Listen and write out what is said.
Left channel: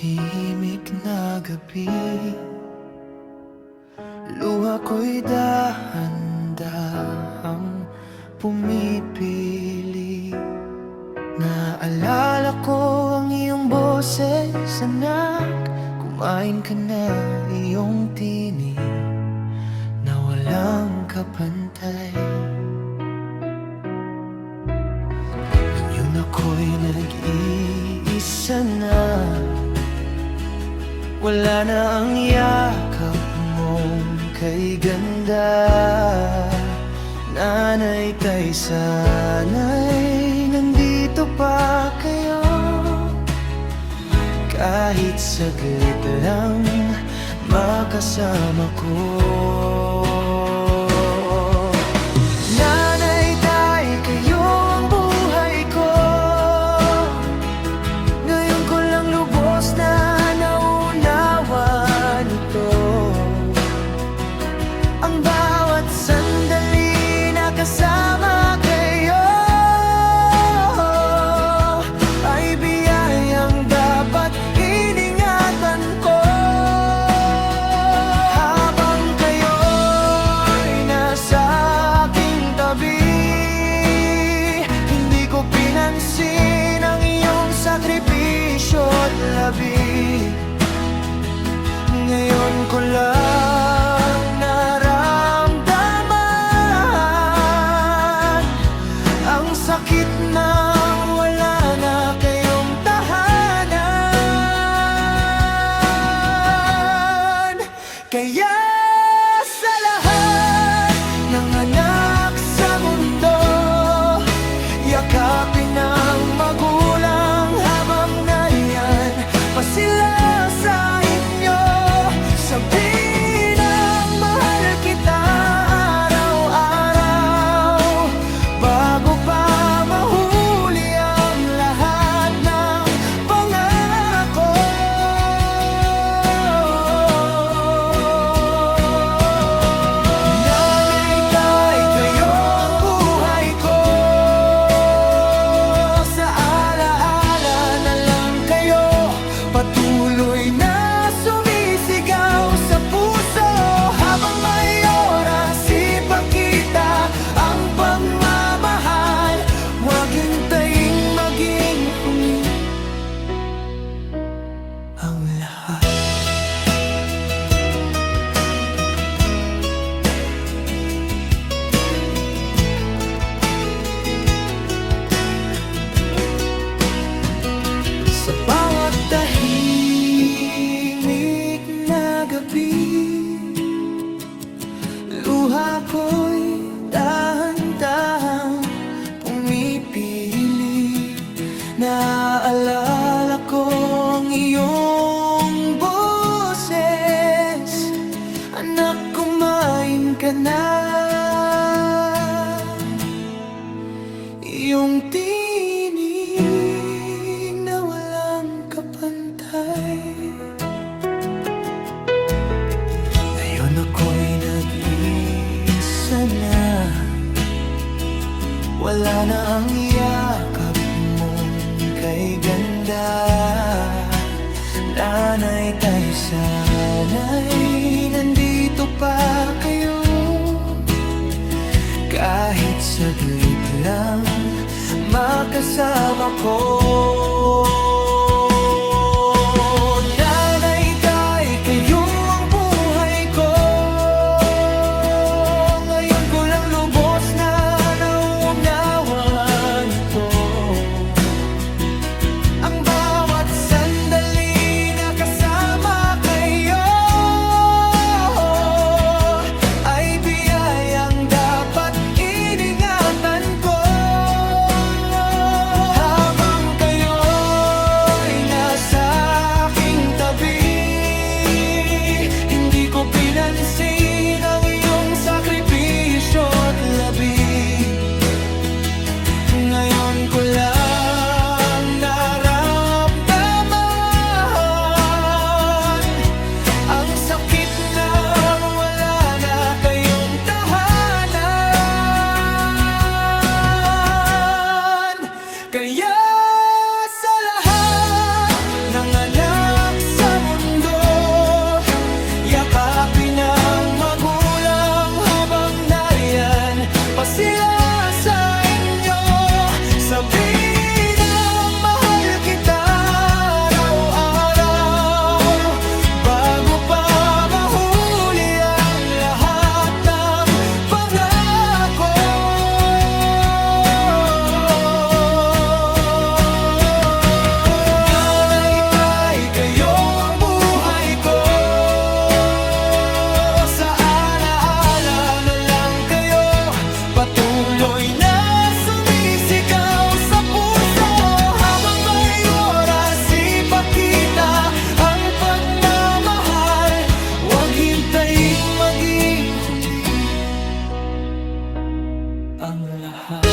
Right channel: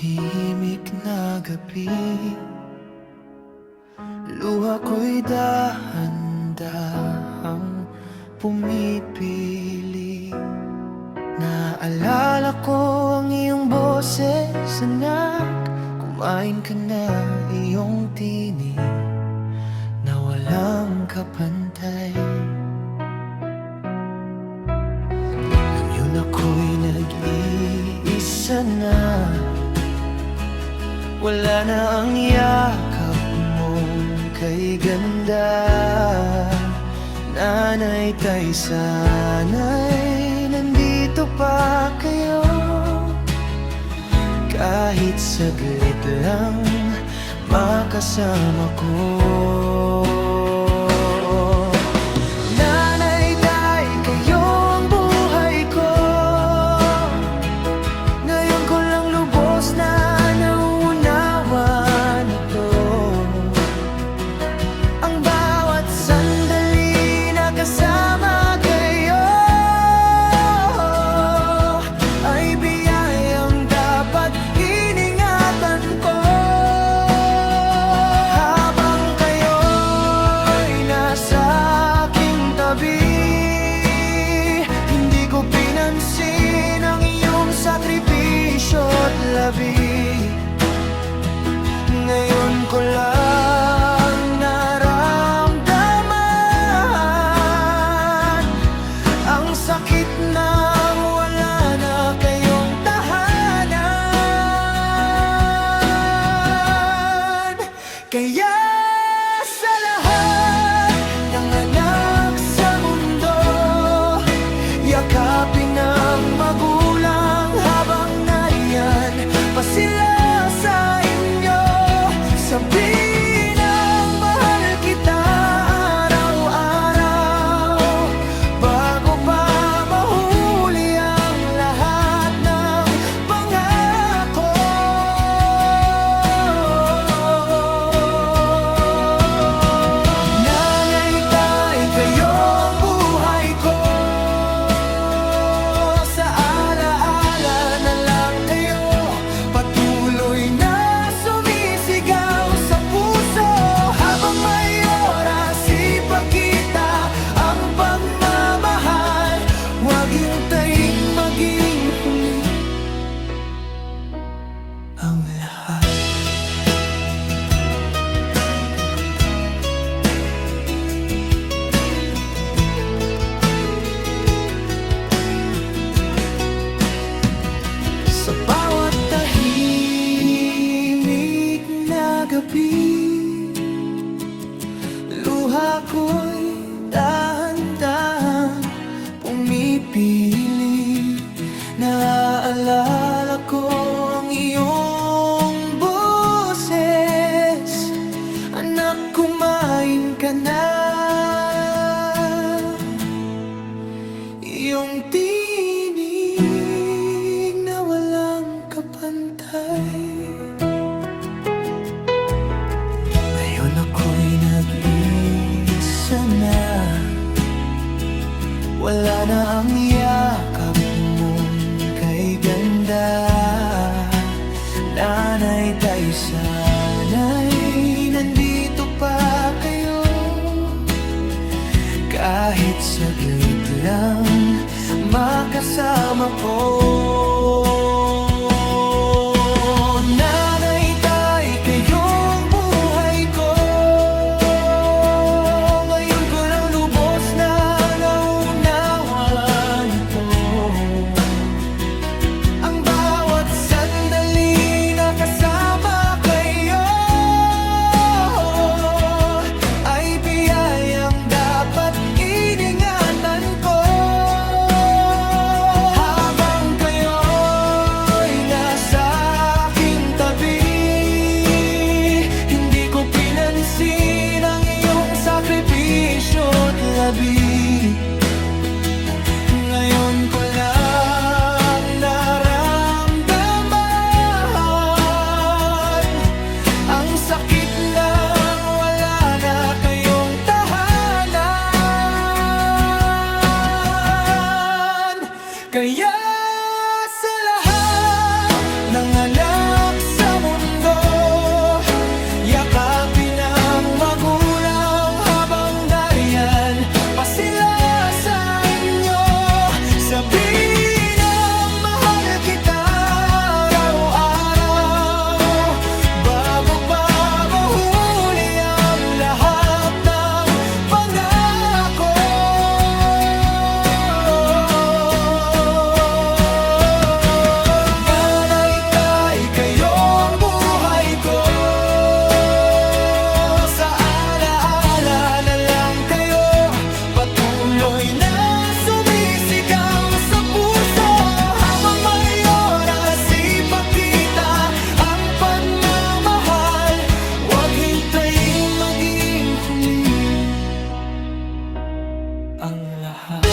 tahimik na gabi, luha ko'y dahan-dahang pumipili. Naalala ko ang iyong boses, anak. Kumain ka na, iyong tinig na walang kapantay. Ngayon ako'y nag-iisa na, wala na ang yakap mong kay ganda. Nanay, tay, sana'y nandito pa kayo, kahit saglit lang makasama ko. Nanay, tay, kayo ang buhay ko. Ngayon ko lang lubos na naunawa nito. Ang bawat sandali na kasama kayo ay biyayang dapat iningatan ko. Habang kayo'y nasa aking tabi, hindi ko pinansin ang iyong sakripisyo't labi. Ngayon ko lang naramdaman ang sakit ng wala na kayong tahanan. Kaya sa lahat ng anak sa mundo, yakapin ng magulang habang nariyan pa sila sa inyo. Sabihin ang mahal kita araw-araw, bago pa mahuli ang lahat ng pangako. Nanay, tay, kayo ang buhay ko. Sa alaala na lang kayo, patuloy na sumisigaw sa puso. Habang may oras, ipakita ang pagmamahal. Huwag hintayin maging huli ang lahat. Sa bawat tahimik na gabi, luha ko'y dahan-dahang pumipili. Naaalala ko ang iyong boses, anak, kumain ka na. Iyong tinig na walang kapantay. Ngayon ako'y nag-iisa na, wala na ang yakap mong kay ganda. Nanay, tay, sana'y nandito pa kayo, kahit saglit lang makasama ko. Nanay, tay, kayo ang buhay ko. Ngayon ko lang lubos na naunawa nito. Ang bawat sandali na kasama kayo ay biyayang dapat iningatan ko. Habang kayo'y nasa aking tabi, hindi ko pinansin ang iyong sakripisyo't labi. Ngayon ko lang naramdaman ang sakit ng wala na kayong tahanan. Kaya sa lahat ng anak sila sa inyo. Sabihin ang mahal kita araw-araw, bago pa mahuli ang lahat ng pangako. Nanay, tay, kayo ang buhay ko. Sa alaala na lang kayo, patuloy na sumisigaw sa puso. Habang may oras, ipakita ang pagmamahal. Huwag hintayin maging huli ang lahat.